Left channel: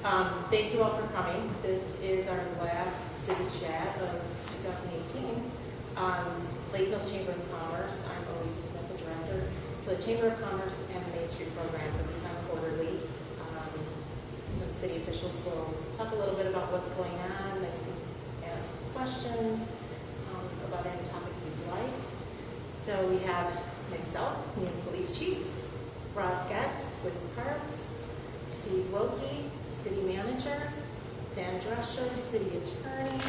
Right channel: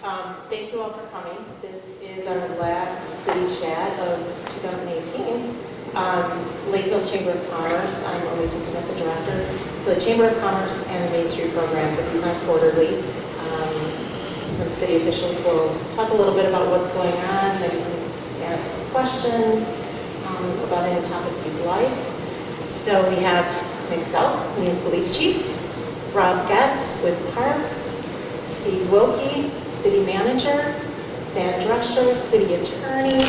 Thank you all for coming. This is our last city chat of 2018. Lakeville's Chamber of Commerce, I'm always assistant with the director. So the Chamber of Commerce and the Main Street program, but these on quarterly. Some city officials will talk a little bit about what's going on. They can ask questions about any topic you'd like. So we have myself, new police chief, Rob Getz with Parks, Steve Wilke, city manager, Dan Drescher, city attorney,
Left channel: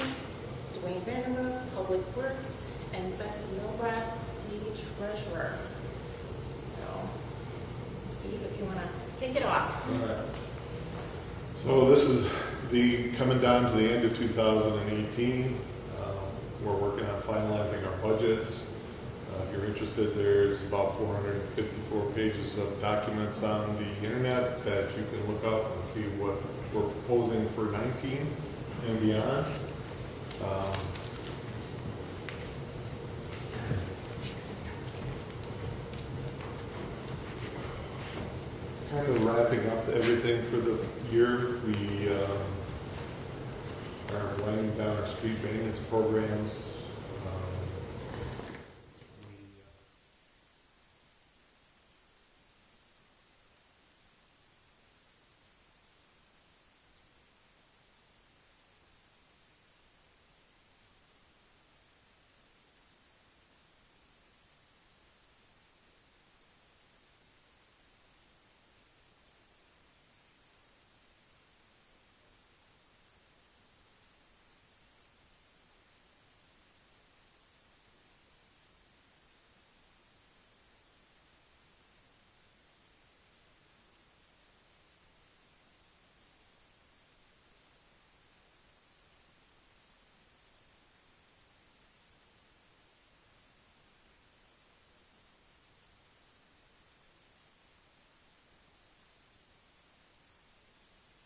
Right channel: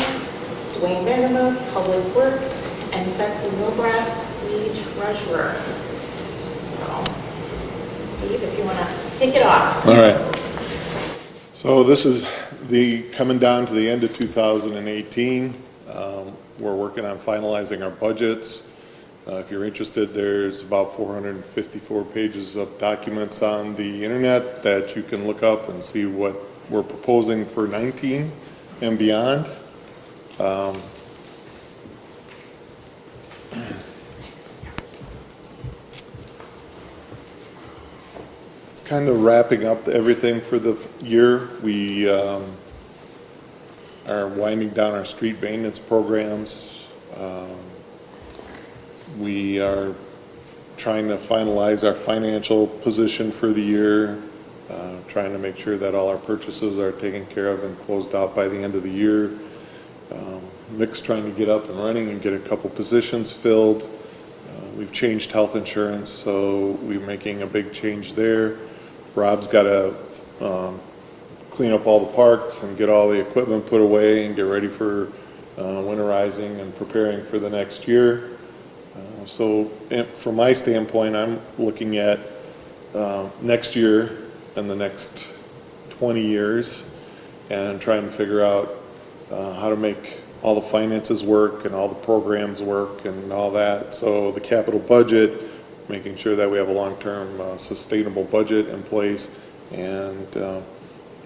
Dwayne Vanderbilt, public works, and Betsy Milgrath, the treasurer. So, Steve, if you want to kick it off. All right. So this is coming down to the end of 2018. We're working on finalizing our budgets. If you're interested, there's about 454 pages of documents on the internet that you can look up and see what we're proposing for 19 and beyond. It's kind of wrapping up everything for the year. We are winding down our street maintenance programs. We are trying to finalize our financial position for the year, trying to make sure that all our purchases are taken care of and closed out by the end of the year. Mick's trying to get up and running and get a couple positions filled. We've changed health insurance, so we're making a big change there. Rob's got to clean up all the parks and get all the equipment put away and get ready for winterizing and preparing for the next year. So from my standpoint, I'm looking at next year and the next 20 years and trying to figure out how to make all the finances work and all the programs work and all that. So the capital budget, making sure that we have a long-term sustainable budget in place, and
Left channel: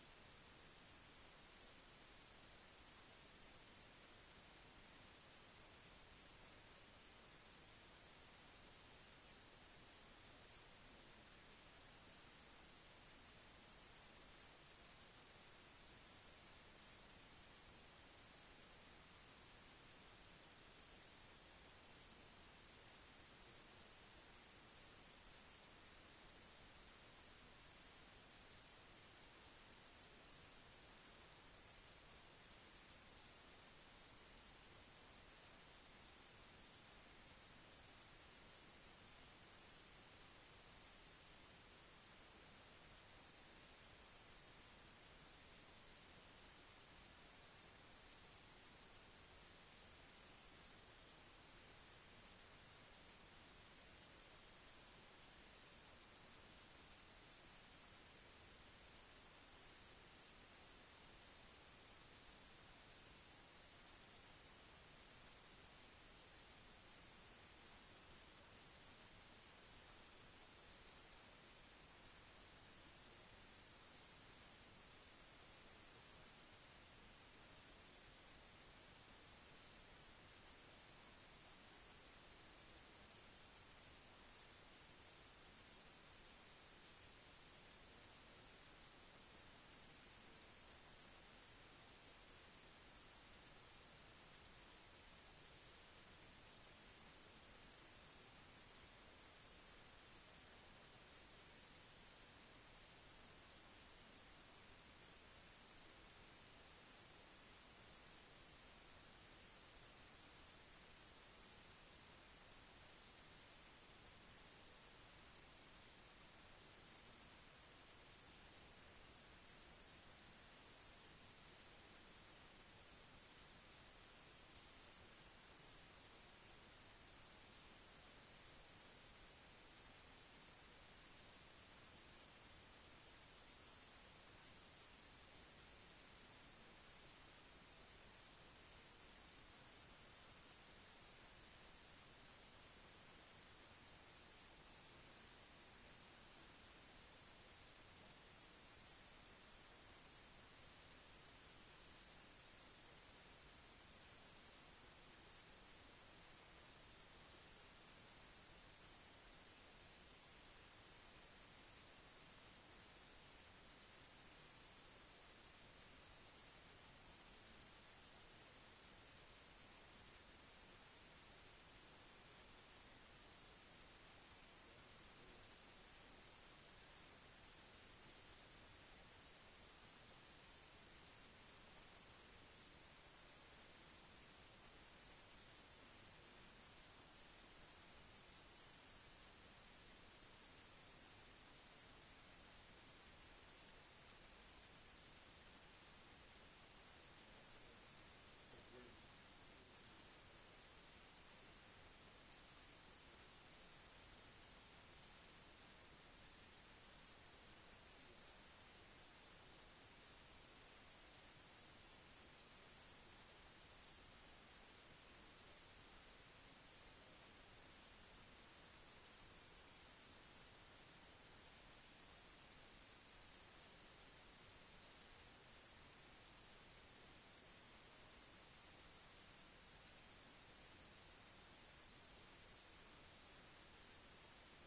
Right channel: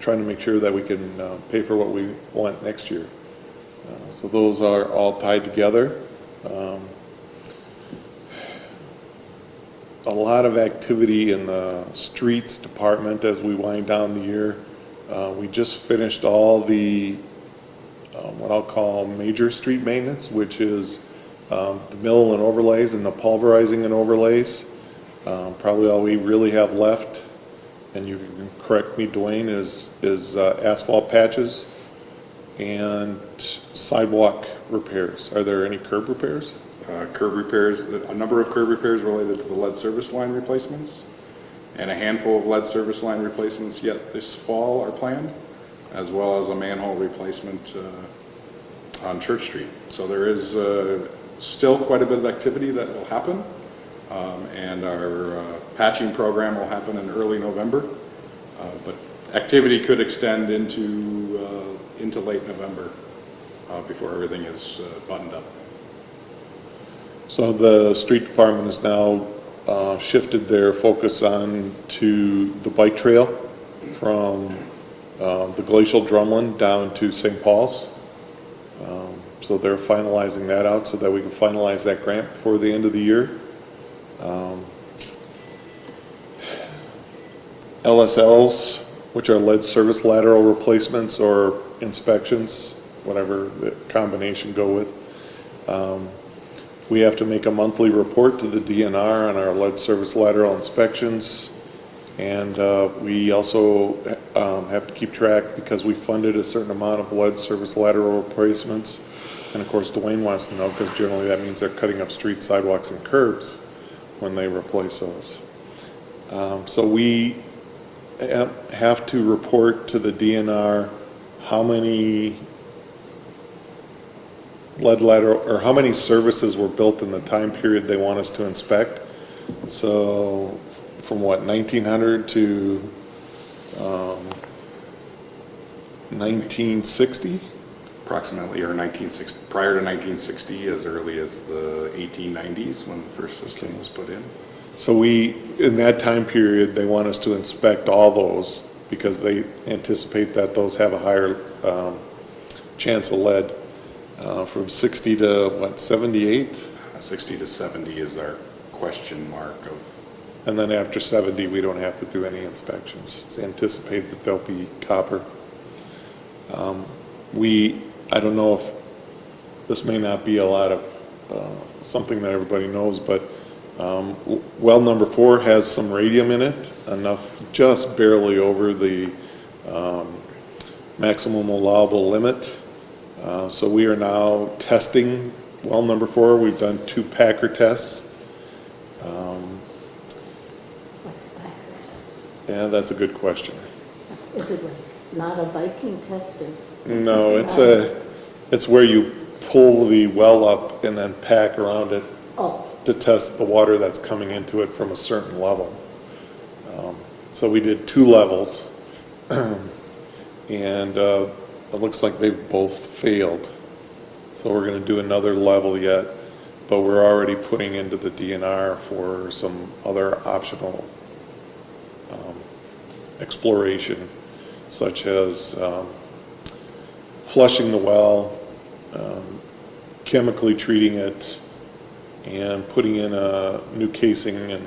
trying to make sure that we can pay for what we want next year. So those are all tied together. A lot of activity in the streets department as we wind down the year. We just finished all the what I'll call major street maintenance, which is the mill and overlays and the pulverizing and overlays. Probably all we really have left, and you can correct me, Dwayne, is asphalt patches and sidewalk repairs. Are there any curb repairs? Curb repairs, a number of curb repairs related to the lead service line replacements, and a handful of lead service line replacements yet this fall are planned, as well as a manhole replacement on Church Street. So there is still quite a bit of activity that will happen, and our patching program will happen in early November, but activity could extend into late November before everything is buttoned up. So the street department has now shifted their focus on to the bike trail from the glacial drumlin down to St. Paul's. So they're finalizing that out so that we can finalize that grant before the end of the year. LSLs, which are lead service lateral replacements or inspections, whatever the combination go with. We have to make a monthly report to the DNR on our lead service lateral inspections, and we also have to keep track, because we funded a certain amount of lead service lateral replacements, and of course Dwayne wants to know, because generally that means they're cutting up streets, sidewalks, and curbs when they replace those. So we have to report to the DNR how many lead lateral, or how many services were built in the time period they want us to inspect. So from what, 1900 to 1960? Approximately, or 1960, prior to 1960, as early as the 1890s when the first system was put in. So in that time period, they want us to inspect all those because they anticipate that those have a higher chance of lead. From 60 to what, 78? 60 to 70 is our question mark of And then after 70, we don't have to do any inspections. It's anticipated that they'll be copper. I don't know if, this may not be a lot of, something that everybody knows, but well number 4 has some radium in it, enough just barely over the maximum allowable limit. So we are now testing well number 4. We've done 2 Packer tests. What's Packer test? Yeah, that's a good question. Is it not a Viking test? No, it's where you pull the well up and then pack around it Oh, to test the water that's coming into it from a certain level. So we did 2 levels, and it looks like they've both failed. So we're going to do another level yet, but we're already putting into the DNR for some other optional exploration, such as flushing the well, chemically treating it, and putting in a new casing and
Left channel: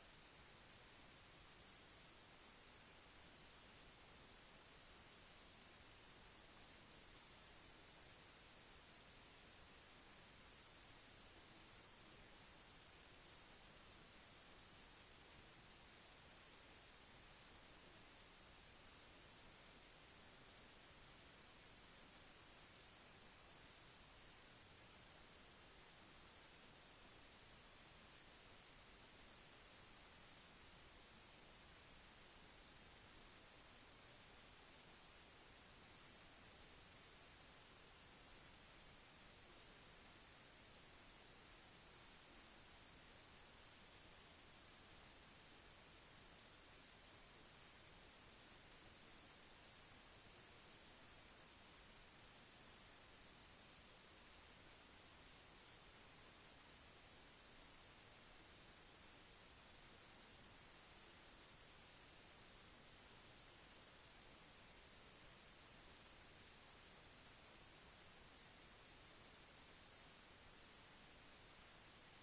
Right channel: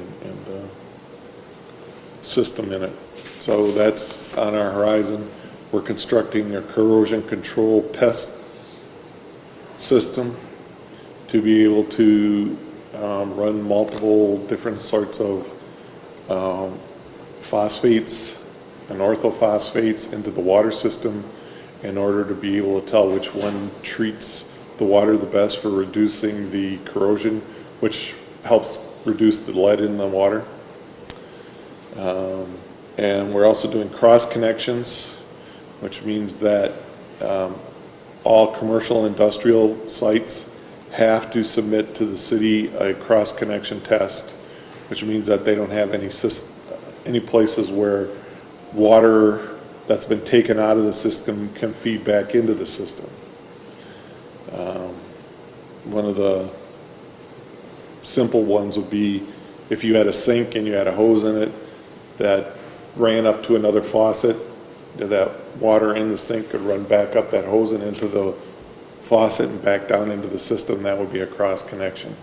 system in it. So that's on our horizon. We're constructing a corrosion control test system to be able to run multiple different sorts of phosphates and orthophosphates into the water system in order to be able to tell which one treats the water the best for reducing the corrosion, which helps reduce the lead in the water. And we're also doing cross connections, which means that all commercial industrial sites have to submit to the city a cross connection test, which means that they don't have any places where water that's been taken out of the system can feed back into the system. One of the simple ones would be if you had a sink and you had a hose in it that ran up to another faucet, that water in the sink could run back up that hose and into the faucet and back down into the system. That would be a cross connection.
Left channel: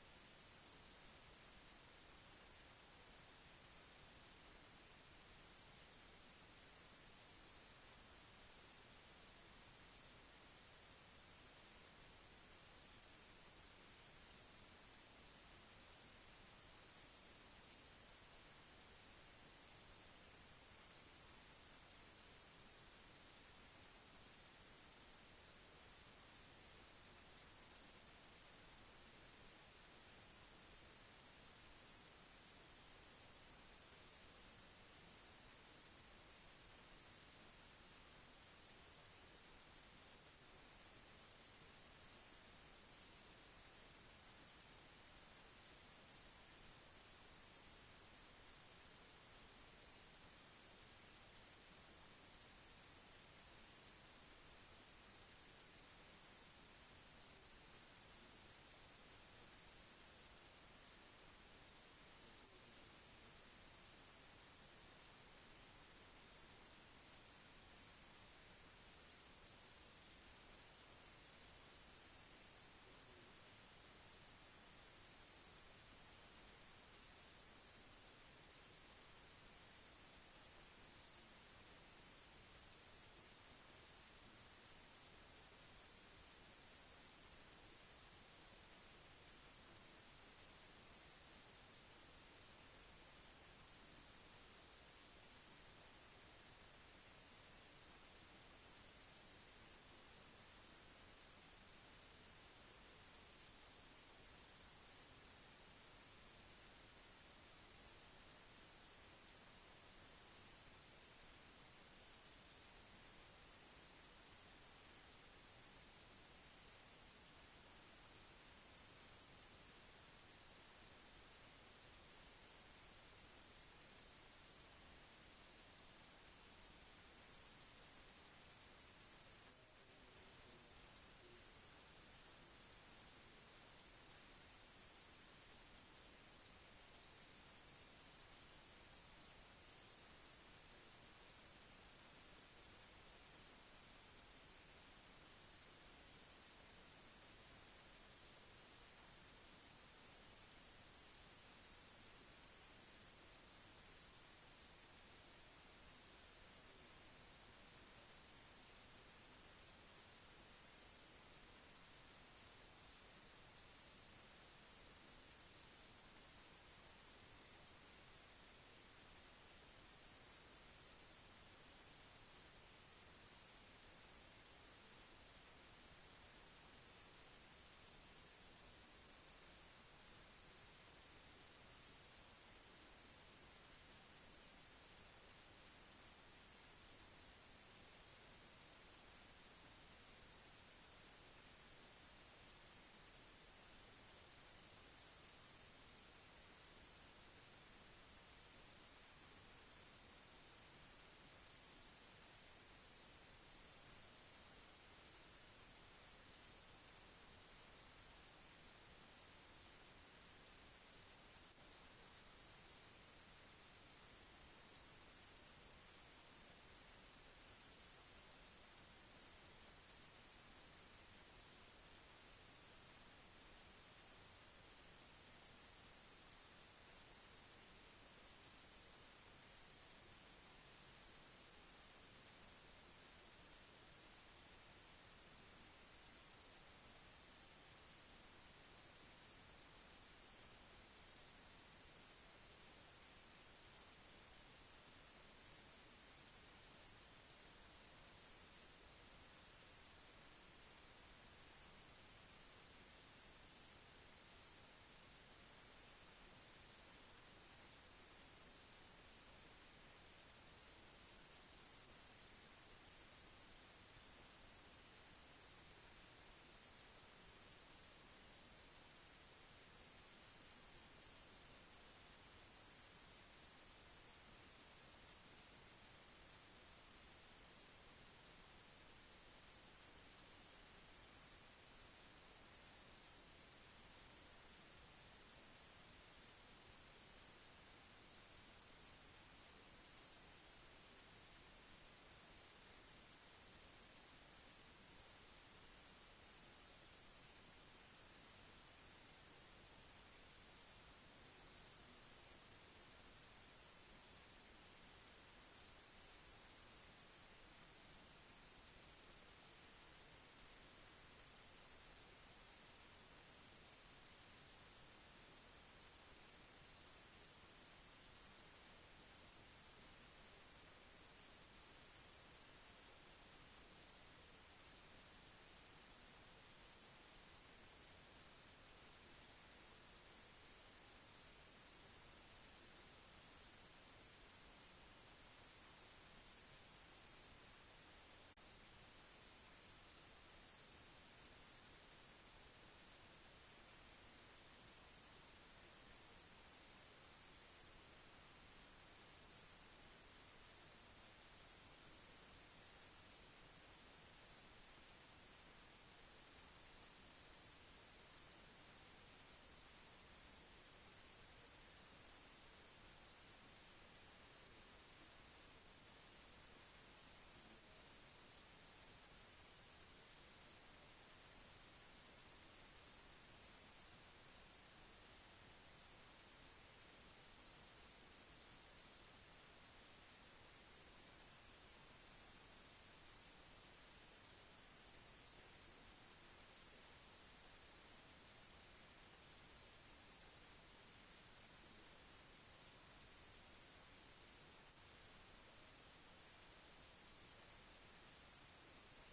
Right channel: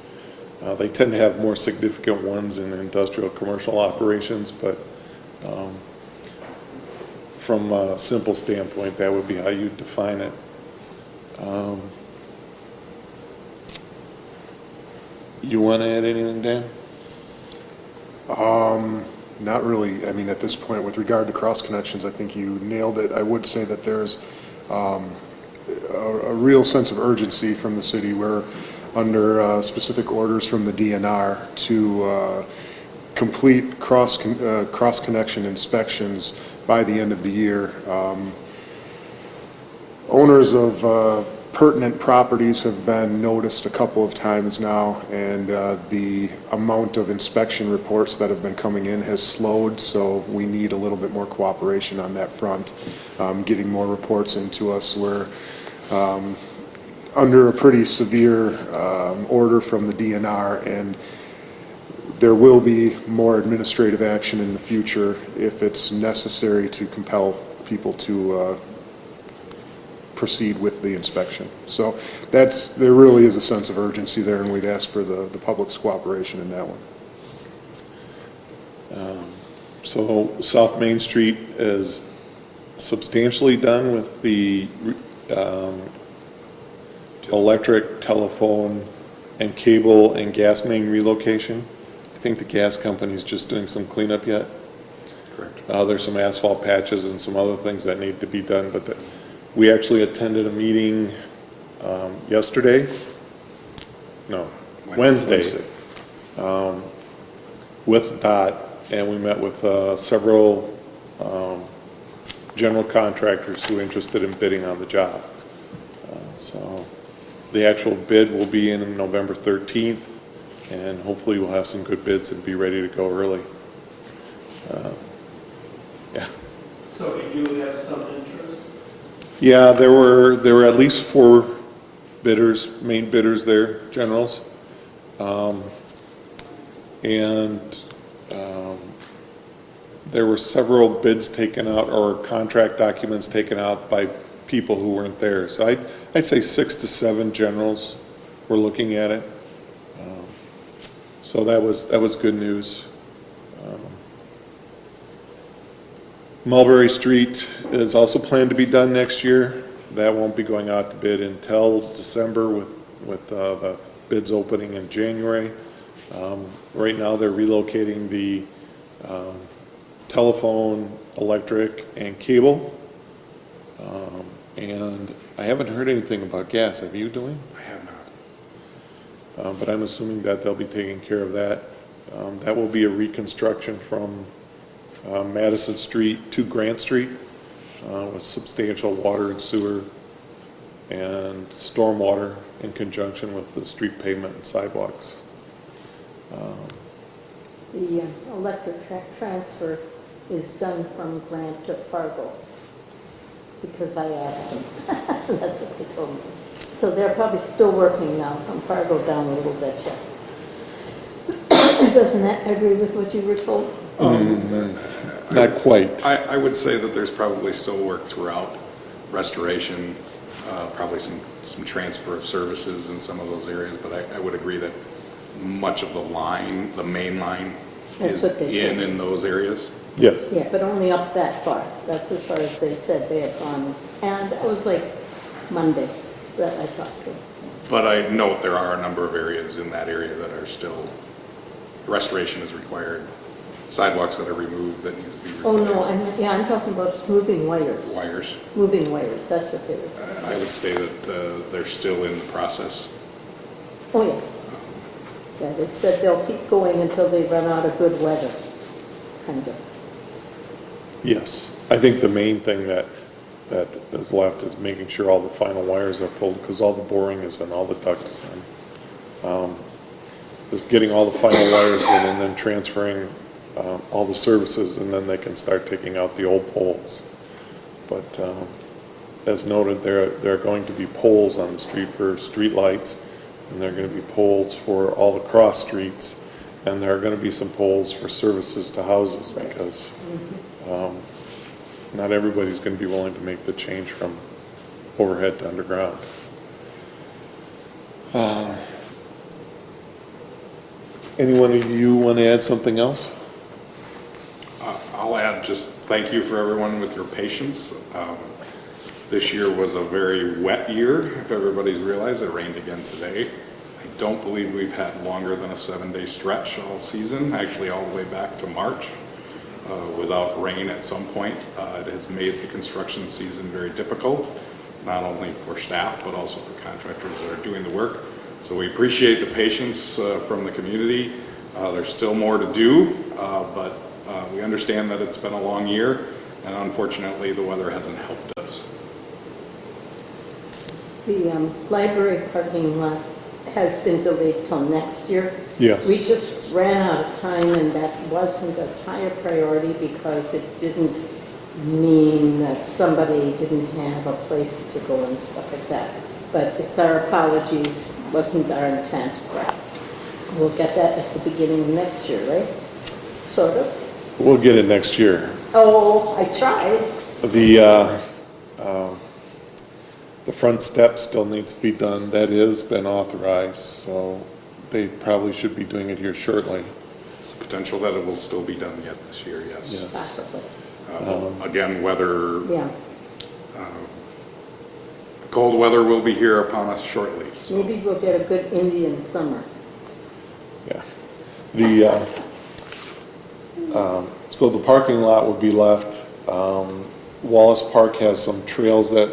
They tend to have more significant ones in industrial commercial operations, but from a simple standpoint, that would be how you define it. You want to add anything, Dan? Not really. I mean, at this point, with regard to cross connections, I think you nailed it. I would say that there's a real sense of urgency from the city. We're under specific orders from the DNR to complete cross connection inspections by the end of the year. Owners of pertinent properties have been noticed a couple of times now, and the amount of inspection reports that have been coming in has slowed, so we need a little bit more cooperation on that front, getting more reports into us. We're under a pretty severe order from the DNR, and there will be more administrative action in the future if it's necessary to compel people to proceed with the inspection. So there really is a sense of urgency there, and we'd ask for the public's cooperation in that one. So South Main Street is substantially done with the electric, telephone, and cable and gas main relocation. I think the gas company's just doing some cleanup yet. Correct. There's some asphalt patches and some other things that need to be done, but we actually attended a meeting yesterday, no, Wednesday, with DOT, and we met with several general contractors who are interested in bidding on the job. So the actual bid will be in November 13th, and hopefully we'll have some good bids and be ready to go early. Yeah. So you do have some interest? Yeah, there were at least 4 bidders, main bidders there, generals. There were several bids taken out or contract documents taken out by people who weren't there. So I'd say 6 to 7 generals were looking at it. So that was good news. Mulberry Street is also planned to be done next year. That won't be going out to bid until December with the bids opening in January. Right now, they're relocating the telephone, electric, and cable. And I haven't heard anything about gas. Have you, Diann? I have not. But I'm assuming that they'll be taking care of that. That will be a reconstruction from Madison Street to Grant Street with substantial water and sewer and stormwater in conjunction with the street pavement and sidewalks. The electric transfer is done from Grant to Fargo, because I asked them. That's what they told me. So they're probably still working now from Fargo down a little bit yet. Doesn't that agree with what you were told? Not quite. I would say that there's probably still work throughout restoration, probably some transfer of services in some of those areas, but I would agree that much of the line, the main line, That's is what they told me. in those areas. Yes. Yeah, but only up that far. That's as far as they said they had gone. And that was like Monday that I talked to them. But I note there are a number of areas in that area that are still, restoration is required. Sidewalks that are removed that needs to be Oh, replaced. no, I'm talking about moving wires. Wires. Moving wires, that's what they were. I would say that they're still in the process. Oh, yeah. Yeah, they said they'll keep going until they run out of good weather, kind of. Yes. I think the main thing that is left is making sure all the final wires are pulled, because all the boring is in, all the duct is in. Just getting all the final wires in and then transferring all the services, and then they can start taking out the old poles. But as noted, there are going to be poles on the street for street lights, and there are going to be poles for all the cross streets, and there are going to be some poles for services to houses, because not everybody's going to be willing to make the change from overhead to underground. Anyone of you want to add something else? I'll add just thank you for everyone with your patience. This year was a very wet year, if everybody's realized. It rained again today. I don't believe we've had longer than a 7-day stretch all season, actually all the way back to March, without rain at some point. It has made the construction season very difficult, not only for staff, but also for contractors that are doing the work. So we appreciate the patience from the community. There's still more to do, but we understand that it's been a long year, and unfortunately the weather hasn't helped us. The library parking lot has been delayed till next year. Yes. We just ran out of time, and that wasn't as high a priority because it didn't mean that somebody didn't have a place to go and stuff like that. But it's our apologies, wasn't our intent. We'll get that at the beginning of next year, right? Sort of. We'll get it next year. Oh, I tried. The front step still needs to be done. That has been authorized, so they probably should be doing it here shortly. It's the potential that it will still be done yet this year, yes. Yes. Possibly. Again, weather, Yeah, the cold weather will be here upon us shortly. So. maybe we'll get a good Indian summer. Yeah. So the parking lot would be left. Wallace Park has some trails that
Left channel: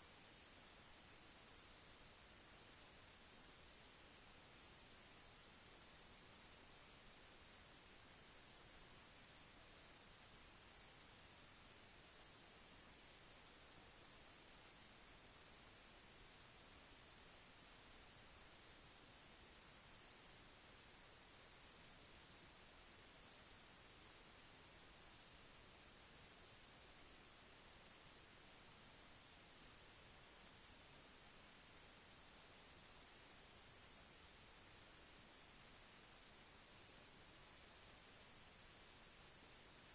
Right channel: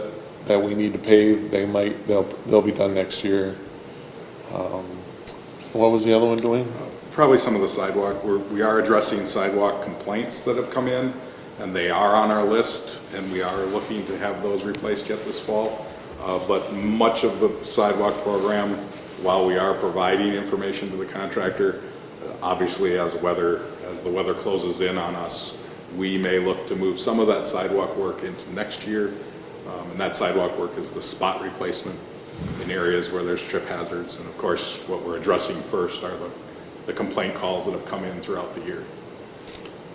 we need to pave. They'll be done next year. What was the other one doing? Probably some of the sidewalk, we are addressing sidewalk complaints that have come in, and they are on our list, and we are looking to have those replaced yet this fall. But much of the sidewalk program, while we are providing information to the contractor, obviously as the weather closes in on us, we may look to move some of that sidewalk work into next year. And that sidewalk work is the spot replacement in areas where there's trip hazards. And of course, what we're addressing first are the complaint calls that have come in throughout the year.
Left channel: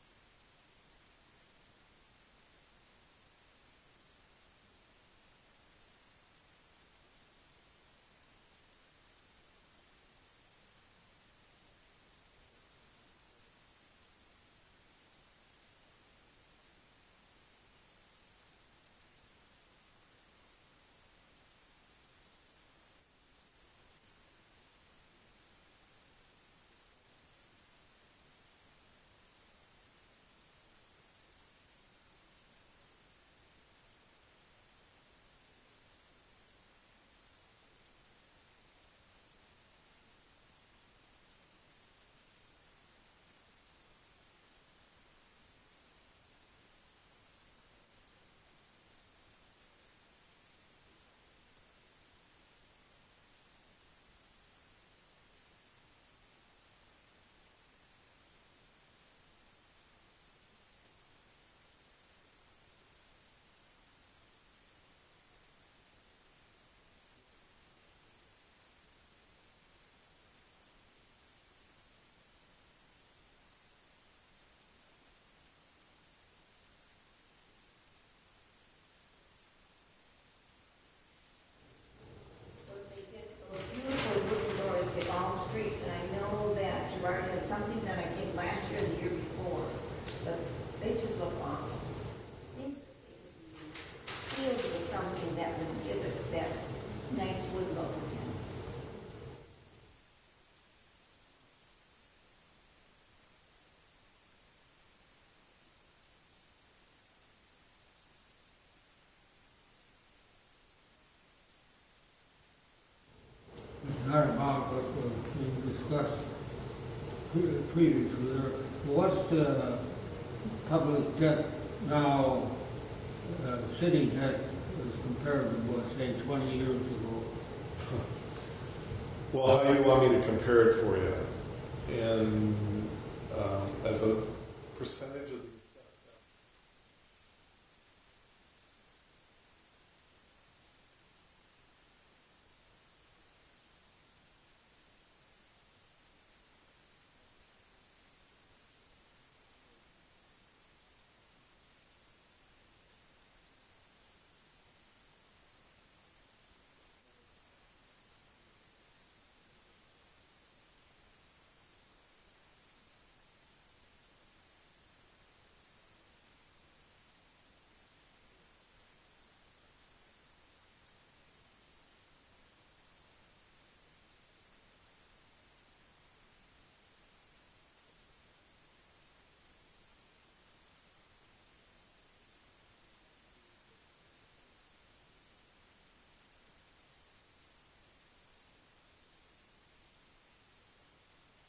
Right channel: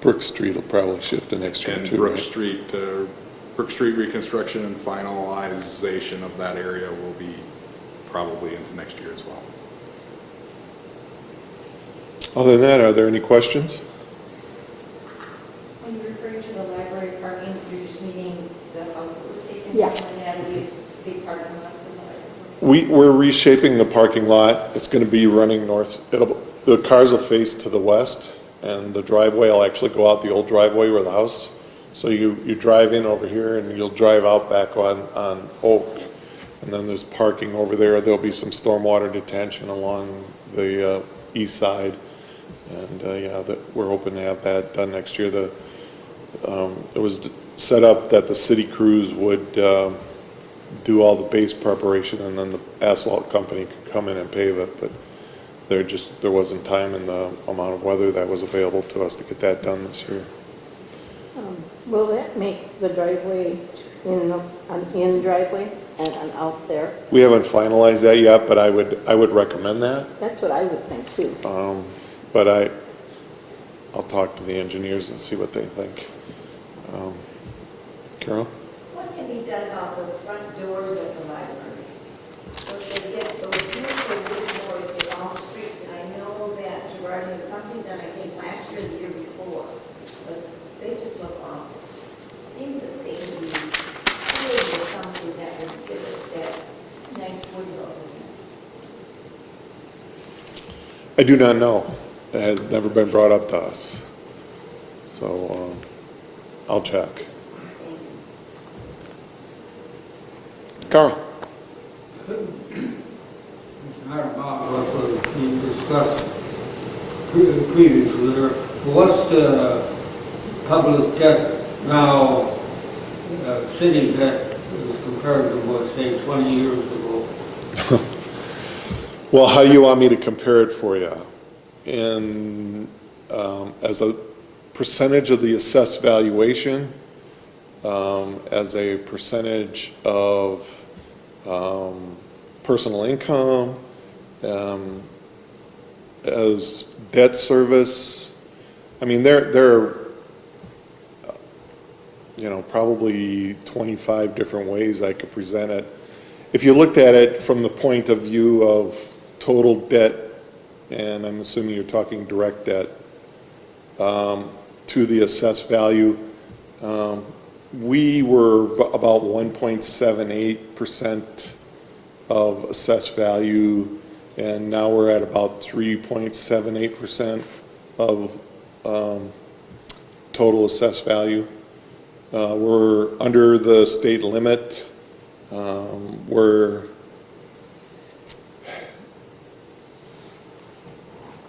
Brook Street will probably shift to next year And too, Brook right? Street reconstruction and finalization of that area will be probably into next year as well. Other than that, are there any questions? When you're referring to the library parking And Yeah. that would be a big parking lot for the We're reshaping the parking lot. It's gonna be running north. The cars will face to the west, and the driveway will actually go out the old driveway where the house. So you drive in over here, and you'll drive out back on Oak. And then there's parking over there. There'll be some stormwater detention along the east side. And, yeah, we're hoping to have that done next year. It was set up that the city crews would do all the base preparation, and then the asphalt company could come in and pave it, but there wasn't time and the amount of weather that was available to us to get that done this year. Will that make the driveway an in driveway and an out there? We haven't finalized that yet, but I would recommend that. That's what I would think too. But I'll talk to the engineers and see what they think. Carol? What can be done about the front doors of the library? If they get those beautiful wooden doors, get all streaked, and I know that Gerard had something done, I think, last year, or the year before, but they just look awful. Seems that they can be sealed with something that would give it that nice wood look. I do not know. It has never been brought up to us. So I'll check. Carl? It's not about what was being discussed previously there. What's the public debt now, city debt as compared to what, say, 20 years ago? Well, how do you want me to compare it for you? As a percentage of the assessed valuation, as a percentage of personal income, as debt service. I mean, there are, probably 25 different ways I could present it. If you looked at it from the point of view of total debt, and I'm assuming you're talking direct debt, to the assessed value, we were about 1.78% of assessed value, and now we're at about 3.78% of total assessed value. We're under the state limit.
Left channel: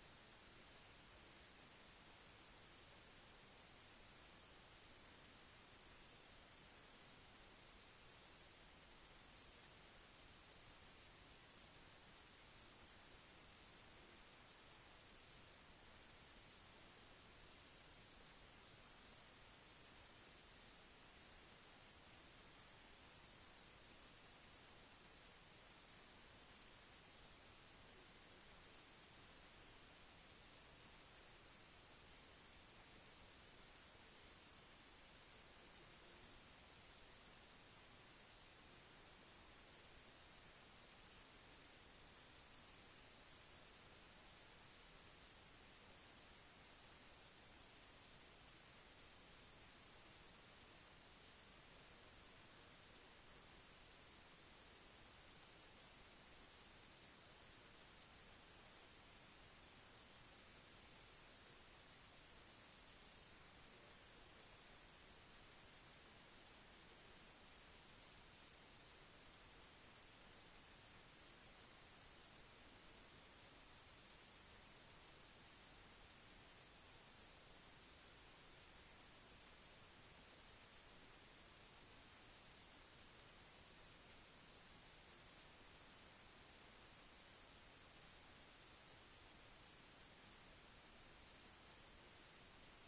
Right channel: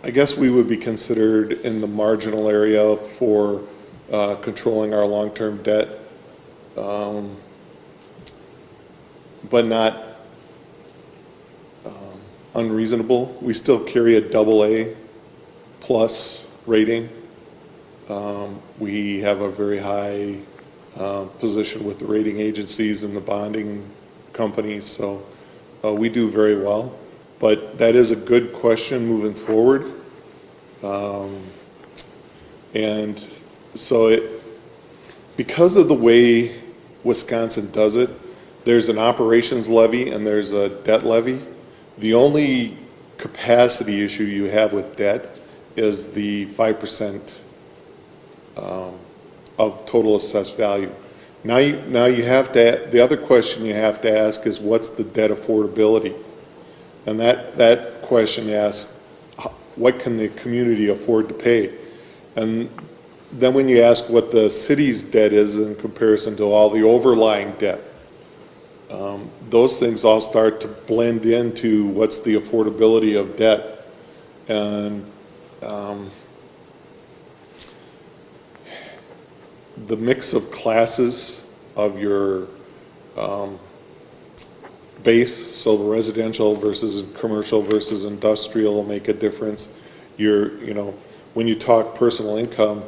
I guess we would be considered in the marginal area for controlling our long-term debt, but not unreasonable. We still carry a AA plus rating. We have a very high position with the rating agencies and the bonding companies, so we do very well. But that is a good question moving forward. And so because of the way Wisconsin does it, there's an operations levy and there's a debt levy. The only capacity issue you have with debt is the 5% of total assessed value. Now you have to, the other question you have to ask is what's the debt affordability? And that question asks, what can the community afford to pay? And then when you ask what the city's debt is in comparison to all the overlying debt, those things all start to blend into what's the affordability of debt. And the mix of classes of your base, so residential versus commercial versus industrial will make a difference. When you talk personal income,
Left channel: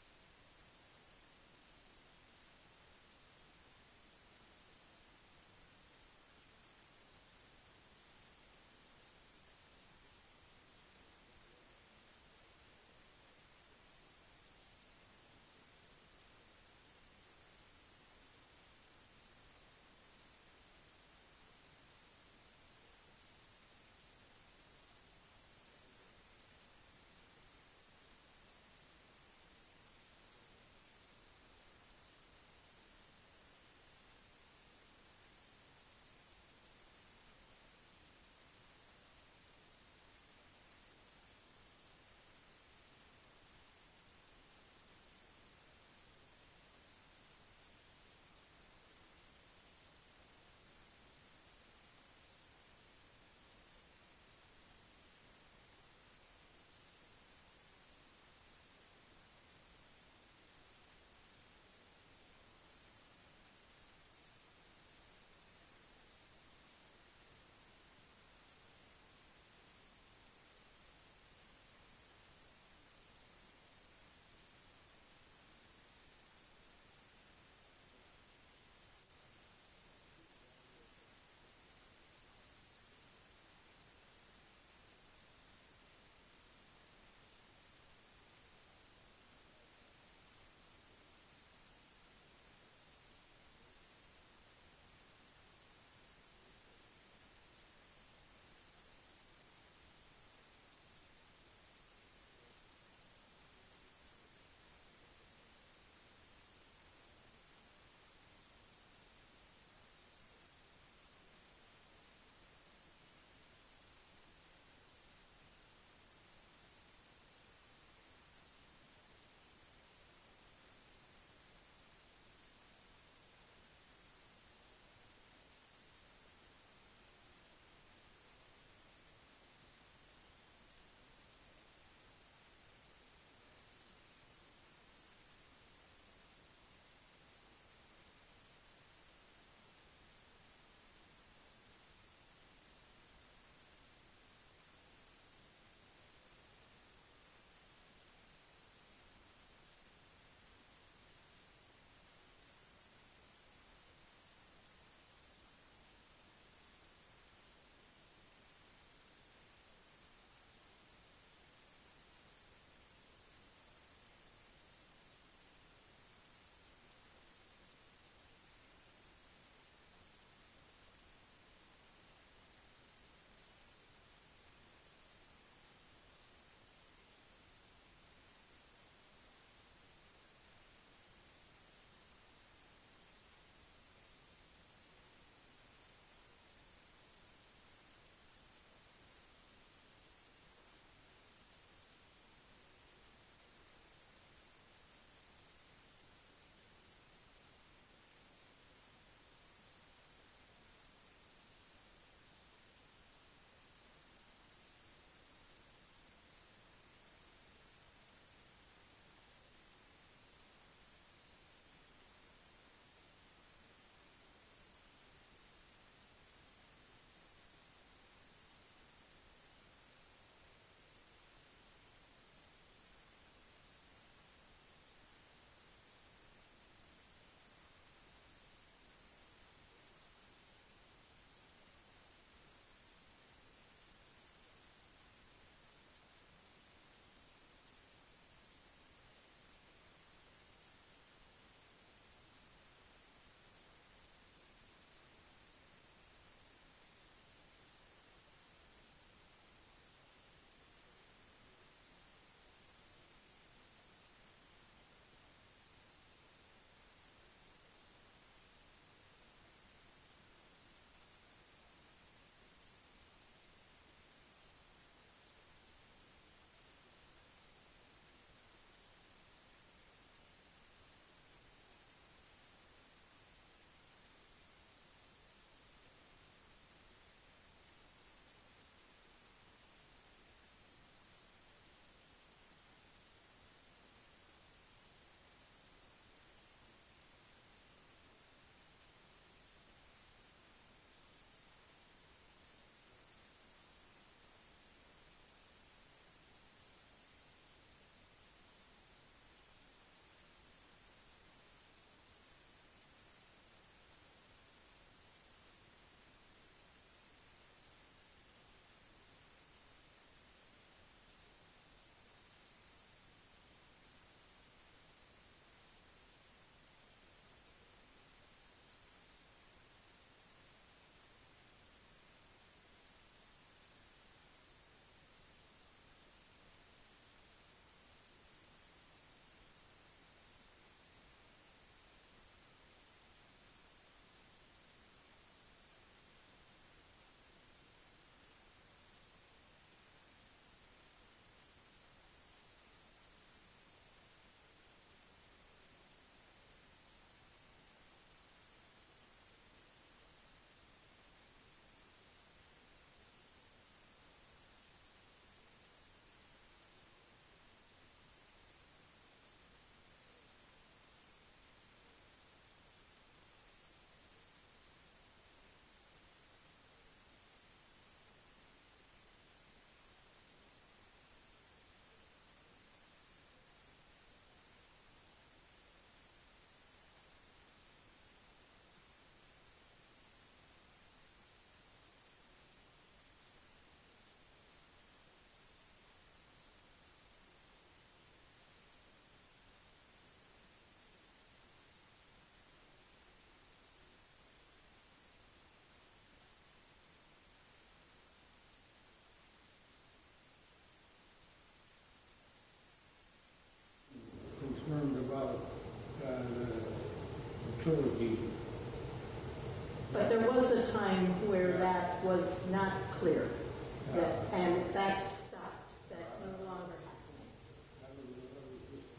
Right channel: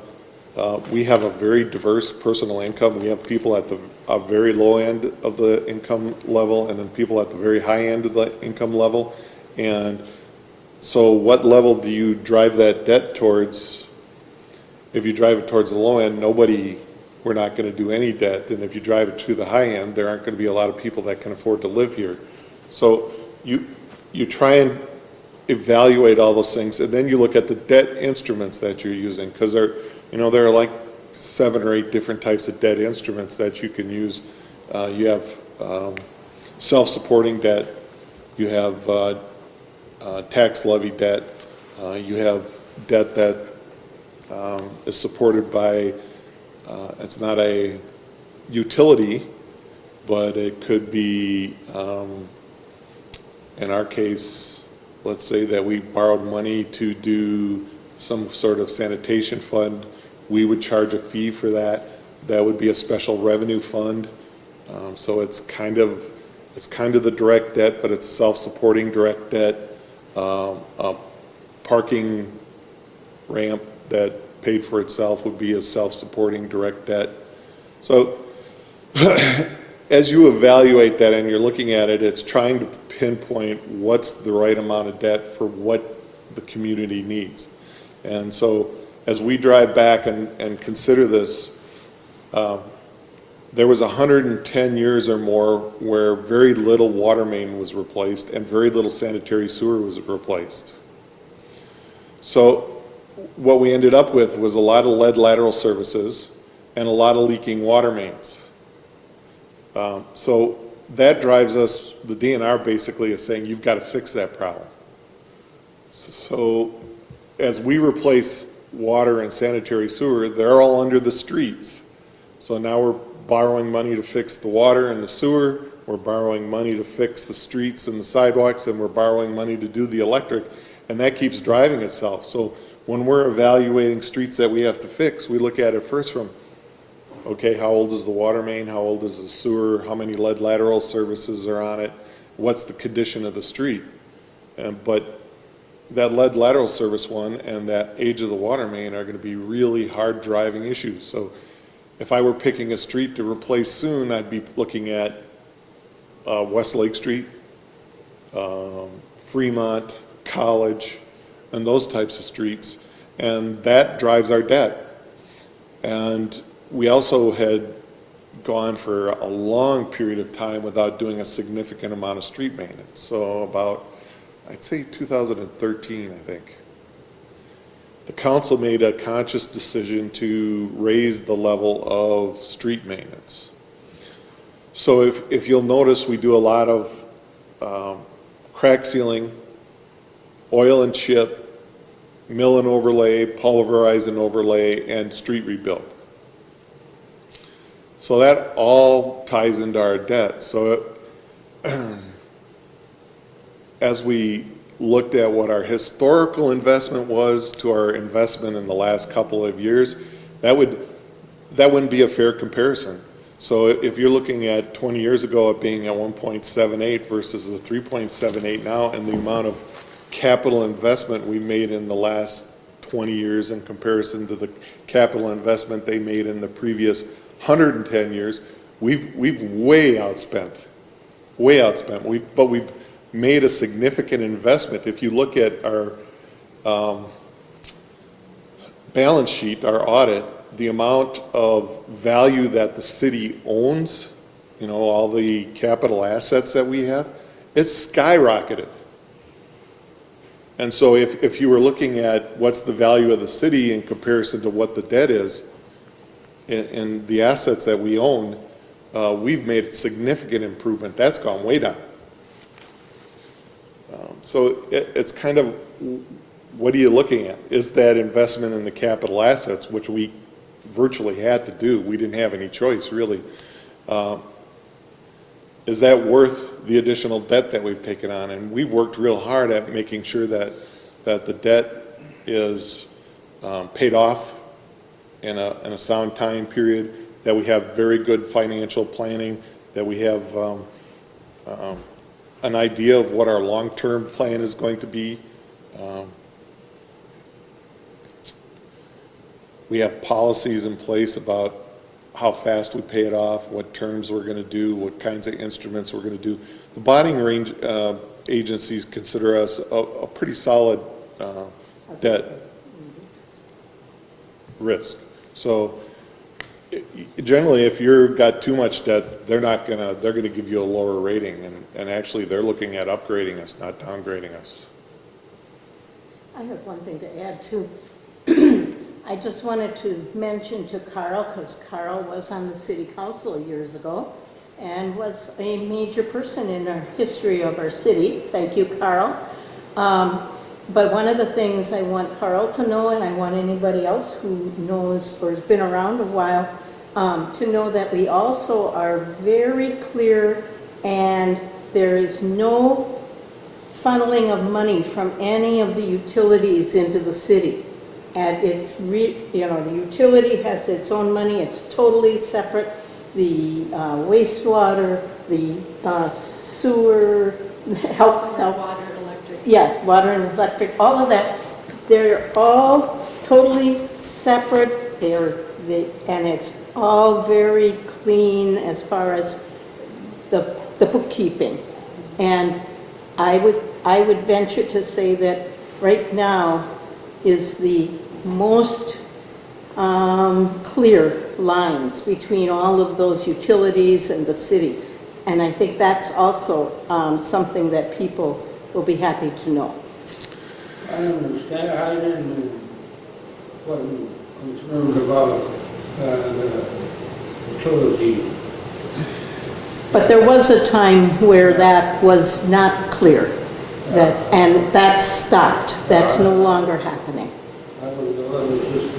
we have a very diverse personal income. We have people at the very low end of the income level and then people at the very high end of the income level. And so what level do you drive that debt towards? If you drive it towards the low end, we're not going to do any debt. And if you drive it to the high end, there aren't going to be a lot of people that can afford to live here. So you try and evaluate all those things, and then you look at the debt instruments that you're using, because there are like 7 or 8 different types of debt instruments that you can use. You have self-supporting debt. You have tax levy debt. You have debt that is supported by, it's not a utility, but it could be, in our case, let's say that we borrowed money to do some sort of sanitation fund. We would charge a fee for that. That would be a special revenue fund. So it's kind of the direct debt, but it's self-supporting direct debt. A parking ramp that paid for itself would be a self-supporting direct debt. So as you evaluate that and you're looking at it, it's trying to pinpoint what's the right amount of debt for what the community needs. And so as we drive back and consider this, there was 110 years or more where very little water main was replaced and very little sanitary sewer was replaced. So what we ended up with was a lot of lead lateral services and a lot of leaking water mains. So that drives us, the DNR basically is saying you've got to fix that problem. So as we replace water and sanitary sewer, they're all under the streets. So now we're borrowing money to fix the water and the sewer, we're borrowing money to fix the streets and the sidewalks, and we're borrowing money to do the electric, and that keeps driving itself. So when we're evaluating streets that we have to fix, we look at it first from, okay, how old is the water main, how old is the sewer, how many lead lateral services are on it, what's the condition of the street. But that lead lateral service one and that age of the water main are going to be really hard driving issues. So if I were picking a street to replace soon, I'd be looking at West Lake Street, Fremont, College, and those types of streets. And that drives our debt. And we also had gone for a long period of time without doing a significant amount of street maintenance. So about, I'd say 2013, I think. The council made a conscious decision to raise the level of street maintenance. So if you'll notice, we do a lot of crack sealing, oil and chip, mill and overlay, pulverize and overlay, and street rebuild. So that all ties into our debt. So as we looked at what our historical investment was to our investment in the last couple of years, that wouldn't be a fair comparison. So if you're looking at 20 years ago it being at 1.78 versus the 3.78 now, and the amount of capital investment we made in the last 20 years in comparison to the capital investment they made in the previous 110 years, we've way outspent. But we've made a significant investment. If you look at our balance sheet, our audit, the amount of value that the city owns, you know, all the capital assets that we have, it's skyrocketed. And so if you were looking at what's the value of the city in comparison to what the debt is, and the assets that we own, we've made significant improvement. That's gone way down. So it's kind of, what are you looking at? Is that investment in the capital assets, which we virtually had to do, we didn't have any choice really, is that worth the additional debt that we've taken on? And we've worked real hard at making sure that the debt is paid off in a sound time period, that we have very good financial planning, that we have an idea of what our long-term plan is going to be. We have policies in place about how fast we pay it off, what terms we're going to do, what kinds of instruments we're going to do. The bonding range agencies consider us a pretty solid debt risk. So generally, if you've got too much debt, they're going to give you a lower rating, and actually they're looking at upgrading us, not downgrading us. I have one thing to add too. I just wanted to mention to Carl, because Carl was on the city council years ago, and was a major person in our history of our city. Thank you, Carl. But one of the things I want Carl to know, and I want anybody else who knows or has been around a while, to know that we also are very clear, and there is no funneling of money from any of the utilities into the city. And it's, the utility has its own money, it's totally separate. The wastewater, the sewer, health, Water, electric. yeah, water and electric, all of that, they're all totally separate. And it's all very clean as far as the bookkeeping. And I would venture to say that right now is the most clear lines between all of those utilities and the city. And I think that's also something that people will be happy to know. I understand, I didn't, wasn't concerned about the utility. But there was a time where that was not clear, and that stopped. That's no longer happening. I was just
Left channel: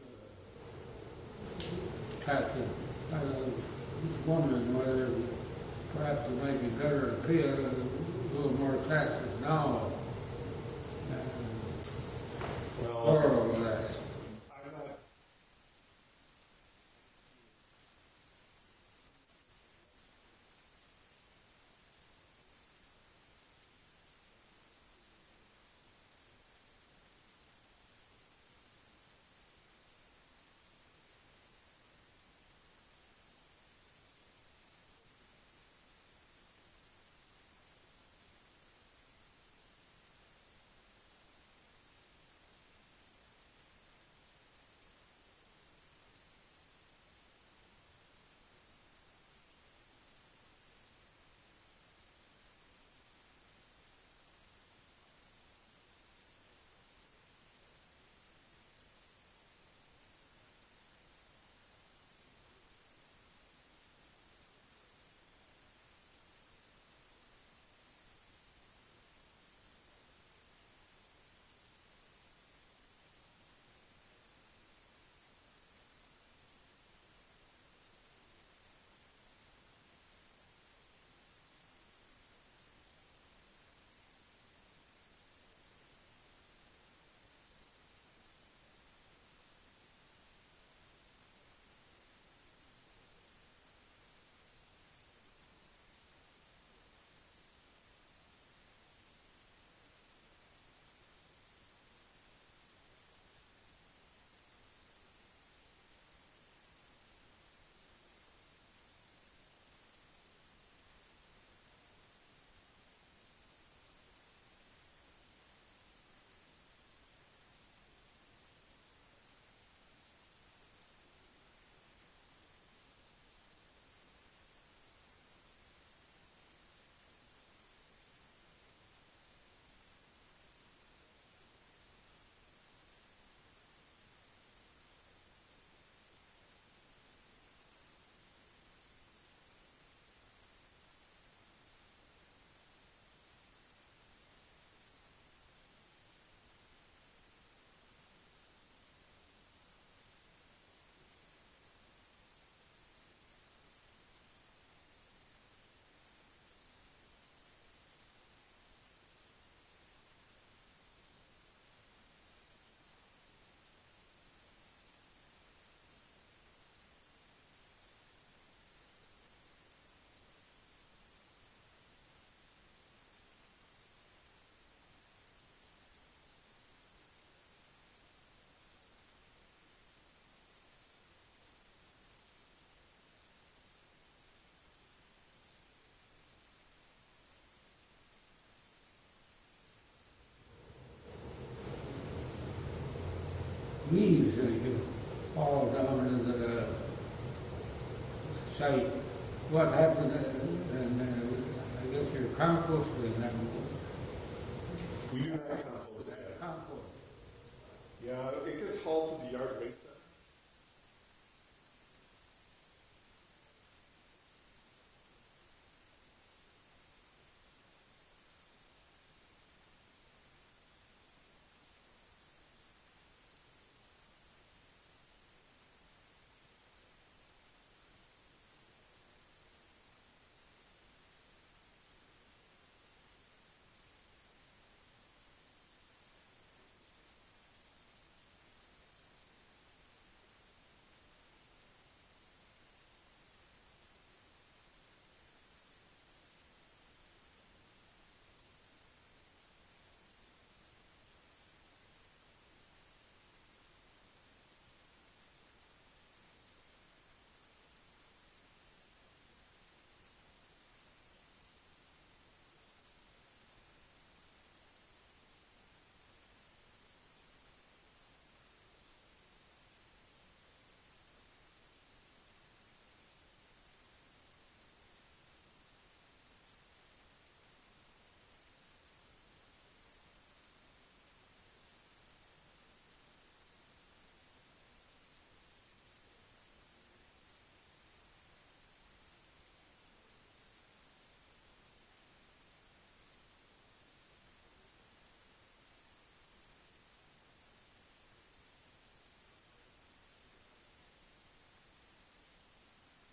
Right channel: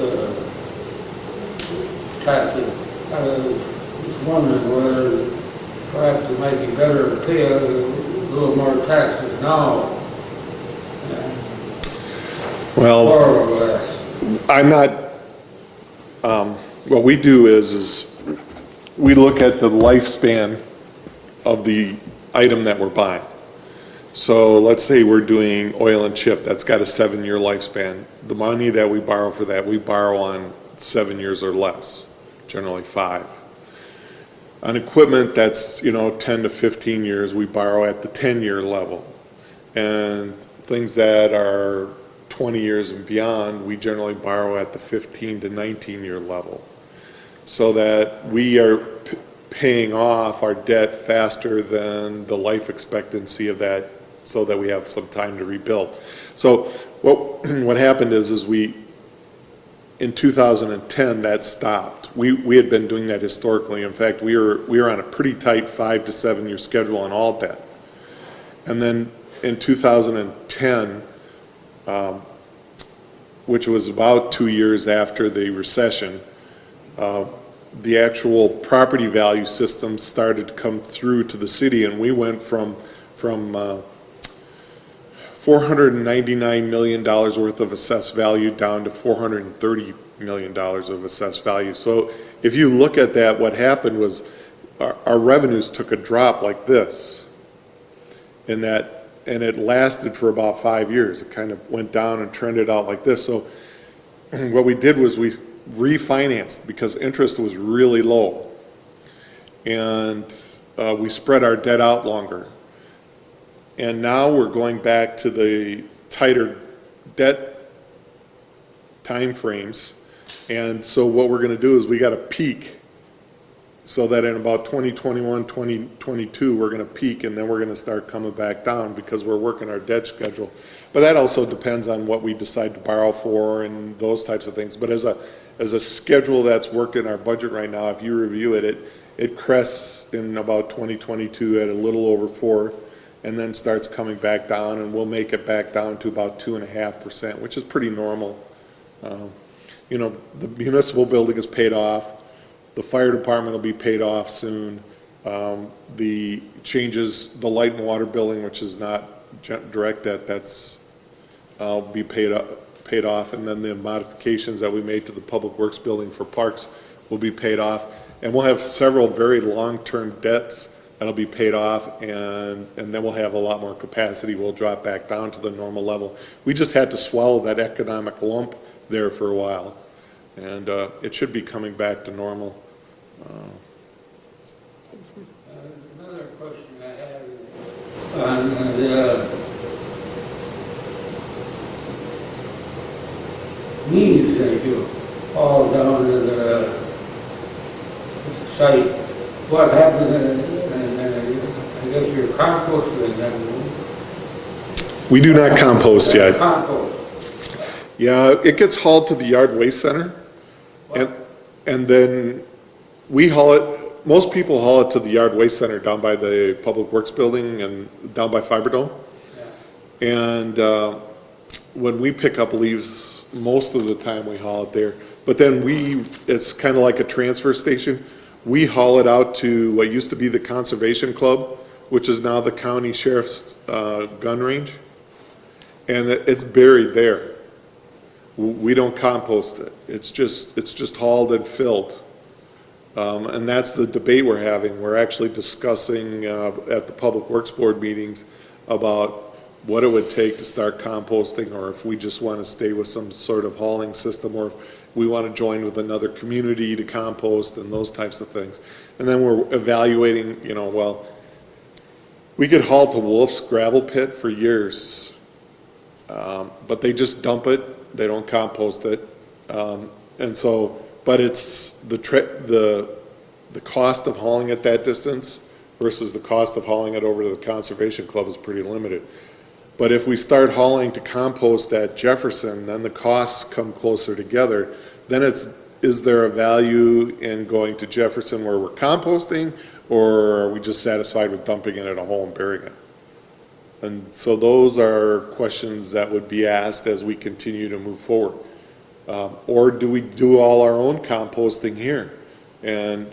taxing. I was just wondering whether perhaps it might be better to pay a little more taxes now. Well, More or less. I'm not, what we do is we look at the lifespan of the item that we're buying. So let's say we're doing oil and chip, that's got a 7-year lifespan. The money that we borrow for that, we borrow on 7 years or less, generally 5. On equipment that's, 10 to 15 years, we borrow at the 10-year level. And things that are 20 years and beyond, we generally borrow at the 15 to 19-year level. So that we are paying off our debt faster than the life expectancy of that, so that we have some time to rebuild. So what happened is we, in 2010, that stopped. We had been doing that historically. In fact, we were on a pretty tight 5 to 7 year schedule on all debt. And then in 2010, which was about 2 years after the recession, the actual property value system started to come through to the city, and we went from $499 million worth of assessed value down to $430 million of assessed value. So if you look at that, what happened was our revenues took a drop like this, and it lasted for about 5 years. It kind of went down and trended out like this. So what we did was we refinanced because interest was really low, and we spread our debt out longer. And now we're going back to the tighter debt timeframes. And so what we're going to do is we got to peak, so that in about 2021, 2022, we're going to peak, and then we're going to start coming back down because we're working our debt schedule. But that also depends on what we decide to borrow for and those types of things. But as a schedule that's worked in our budget right now, if you review it, it crests in about 2022 at a little over 4, and then starts coming back down, and we'll make it back down to about 2.5%, which is pretty normal. The municipal building is paid off. The fire department will be paid off soon. The changes, the light and water billing, which is not direct debt, that's be paid off, and then the modifications that we made to the public works building for parks will be paid off. And we'll have several very long-term debts that'll be paid off, and then we'll have a lot more capacity. We'll drop back down to the normal level. We just had to swallow that economic lump there for a while, and it should be coming back to normal. Another question I had on the weeds that you haul down to the site. What happened, I guess you're composting them? We do not compost yet. Compost. Yeah, it gets hauled to the yard waste center, and then we haul it, most people haul it to the yard waste center down by the Public Works building and down by Fiberdome. And when we pick up leaves, most of the time we haul it there. But then it's kind of like a transfer station. We haul it out to what used to be the Conservation Club, which is now the county sheriff's gun range. And it's buried there. We don't compost it. It's just hauled and filled. And that's the debate we're having. We're actually discussing at the Public Works Board meetings about what it would take to start composting, or if we just want to stay with some sort of hauling system, or if we want to join with another community to compost and those types of things. And then we're evaluating, well, we could haul to Wolf's gravel pit for years, but they just dump it. They don't compost it. And so, but it's the cost of hauling it that distance versus the cost of hauling it over to the Conservation Club is pretty limited. But if we start hauling to compost at Jefferson, then the costs come closer together. Then is there a value in going to Jefferson where we're composting, or are we just satisfied with dumping it in a hole and burying it? And so those are questions that would be asked as we continue to move forward. Or do we do all our own composting here? And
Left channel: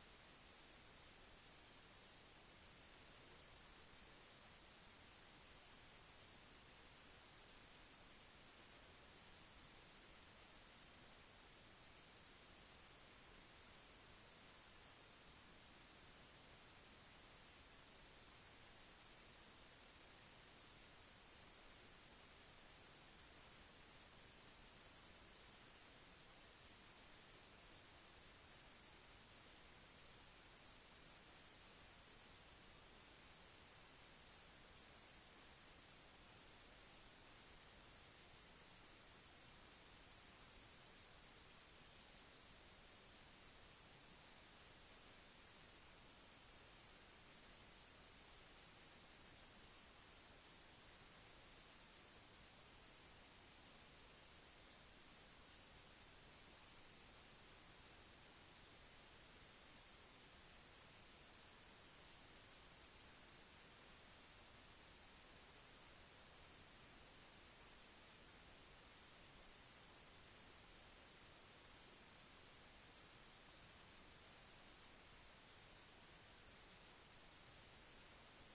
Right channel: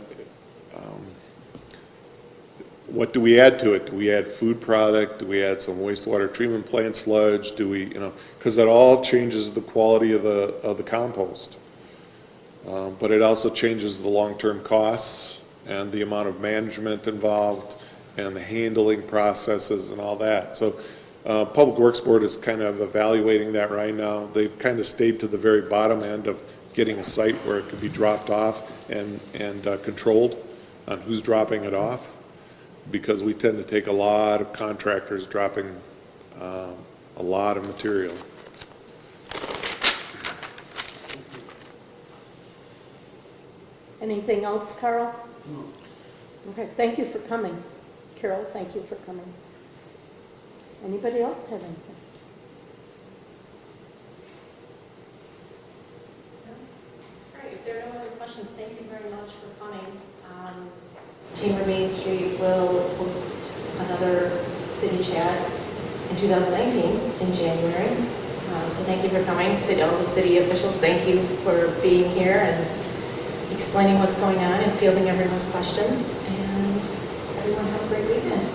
what do we add to it? Do we add food product? Do we add some wastewater treatment plant sludge? Do we, because that all changes the quality of the compost. But it also changes the long-term costs and the amount of management involved and the handling processes and all that. So Public Works Board is kind of evaluating that right now. They've kind of stayed to the very bottom end of getting a site where it could be dropped off and controlled on who's dropping it off, because we tend to take a lot of contractors dropping a lot of material. Anything else, Carl? No. Okay, thank you for coming. Carol, thank you for coming. Anybody else have anything? All right, if there are no other questions, thank you very much for coming. Chamber Main Street will host another city chat in 2019 in January. So thank you for coming. All the city officials, thank you for being here and explaining what's going on and fielding everyone's questions. And everyone have a great weekend.